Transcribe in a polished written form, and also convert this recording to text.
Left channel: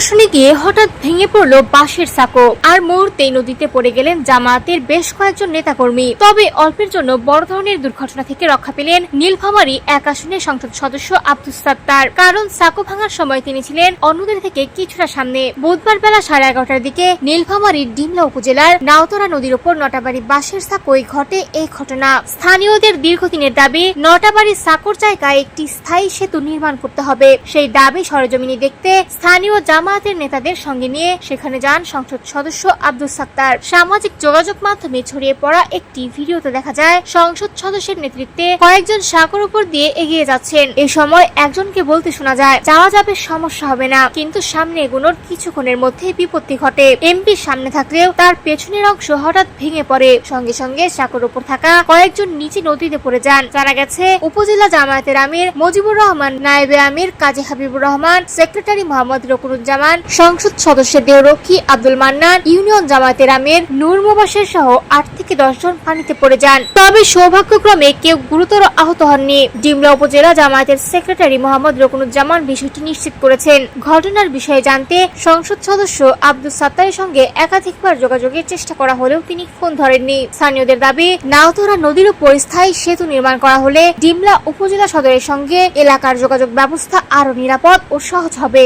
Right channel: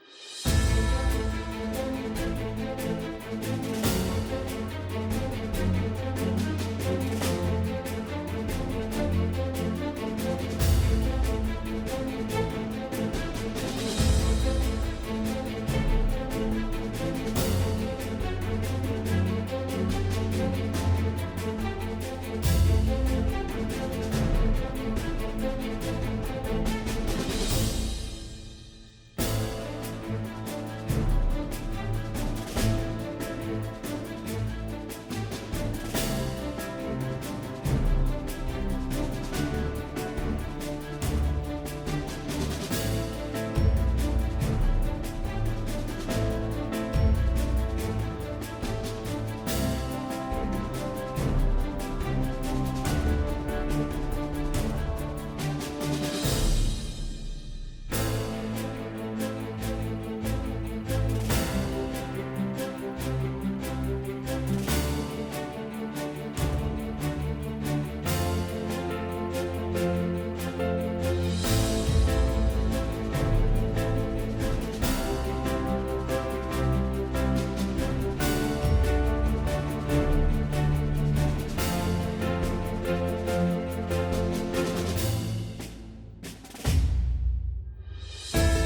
পরিদর্শনে গিয়ে হঠাৎ ভেঙে পড়ল বাঁশের সাঁকো, আর মুহূর্তেই নদীতে পড়ে গেলেন জামায়াতের বেশ কয়েকজন নেতাকর্মী। তবে অল্পের জন্য বড় ধরনের দুর্ঘটনা থেকে রক্ষা পেলেন নীলফামারী ১ আসনের সংসদ সদস্য আব্দুস সাত্তার। কারণ সাঁকো ভাঙার সময় তিনি ছিলেন অন্যদের থেকে কিছুটা সামনে। বুধবার বেলা 11:30টার দিকে নীলফামারীর ডিমলা উপজেলার নাওতরা নদীর উপর নটাবাড়ি বাঁশের সাঁকোয় ঘটে এই ঘটনা। স্থানীয়দের দীর্ঘদিনের দাবি, নটাবাড়ি সাঁকোর জায়গায় একটি স্থায়ী সেতু নির্মাণ করতে হবে। সেই দাবি সরেজমিনে দেখতে স্থানীয় জামায়াতের নেতাদের সঙ্গে নিয়ে সেখানে যান সংসদ সদস্য আব্দুস সাত্তার। সামাজিক যোগাযোগ মাধ্যমে ছড়িয়ে পড়া একটি ভিডিওতে দেখা যায় সংসদ সদস্যের নেতৃত্বে কয়েকজন সাঁকোর উপর দিয়ে এগিয়ে যাচ্ছেন। এ সময় একজনকে বলতে শোনা যায়, যাওয়া যাবে, সমস্যা হবে না। কিন্তু সামনে এগোনোর কিছুক্ষণের মধ্যে বিপত্তি ঘটে। এমপি সামনে থাকলেও তার পেছনের অংশ হঠাৎ ভেঙে পড়ে। সঙ্গে সঙ্গে সাঁকোর উপর থাকা কয়েকজন নিচে নদীতে পড়ে যান। জানা গেছে, উপজেলা জামায়াতের আমির মুজিবুর রহমান, নায়েবে আমির কাজী হাবিবুর রহমান, সেক্রেটারি মোহাম্মদ রকুনুজ্জামান, সংসদ সদস্য দেহরক্ষী আব্দুল মান্নান, ইউনিয়ন জামায়াতের আমির নূর মুবাশির সহ 8 থেকে 10 জন পানিতে পড়ে যান। তবে সৌভাগ্যক্রমে কেউ গুরুতর আহত হননি। ডিমলা উপজেলা জামায়াতের সেক্রেটারি মোহাম্মদ রকুনুজ্জামান বিষয়টি নিশ্চিত করেছেন। ঘটনার বিষয়ে জানতে সংসদ সদস্য আব্দুস সাত্তারের সঙ্গে একাধিকবার যোগাযোগের চেষ্টা করা হলেও তিনি ফোন ধরেননি। স্থানীয়দের দাবি, নাওতরা নদীর উপর স্থায়ী সেতু নির্মাণ করা হলে ডিমলা উপজেলা সদরের সঙ্গে এলাকার যোগাযোগ ব্যবস্থা আরো নিরাপদ ও সহজ হবে।